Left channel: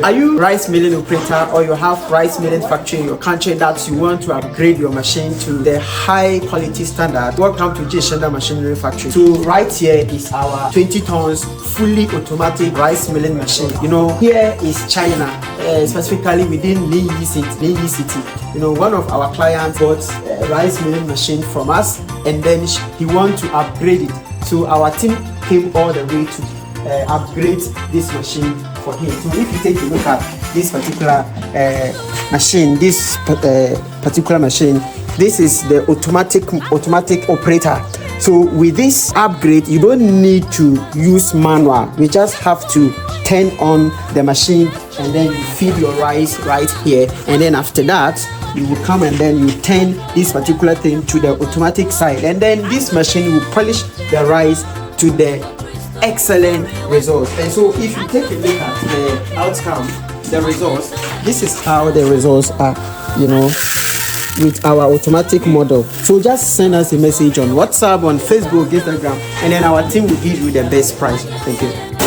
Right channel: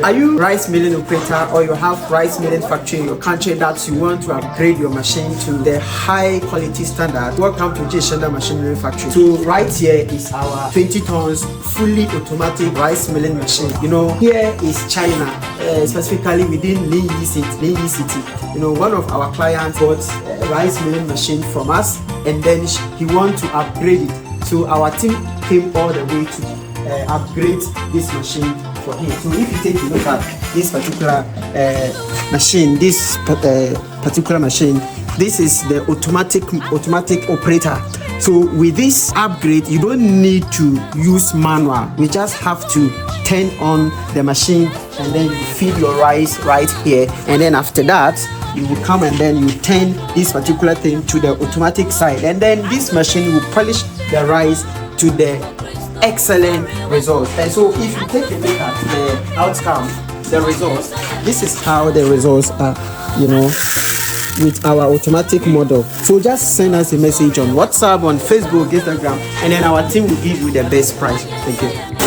Are you rice milling operator, or you have rice milling factory in your country that you want to upgrade your machine to the high quality standard? Welcome to Jinshunda Machinery Factory. So right here is our 20 tons fully automatic rice milling machine. You know, here is China, specifically within Linyi City. You know, one of our clients bought a rice milling machine from us, and then he wants to upgrade it. So our team came all the way to upgrade this machine for him. So if you take a look at this particular machine, this is the automatic operator. So with this upgrade, you don't need to use manual. You just have to turn on the machine, and then you feed your rice right here, and then after that you will come and then you turn this particular thing to the automatic side, and then this machine will polish the rice to the excellent results. And so if you take a look at the outcome, the results, this is how the results are, you know, with our automatic model. So just send us a message on WhatsApp, on Facebook, Instagram, and then our team will give you the best price. Thank you.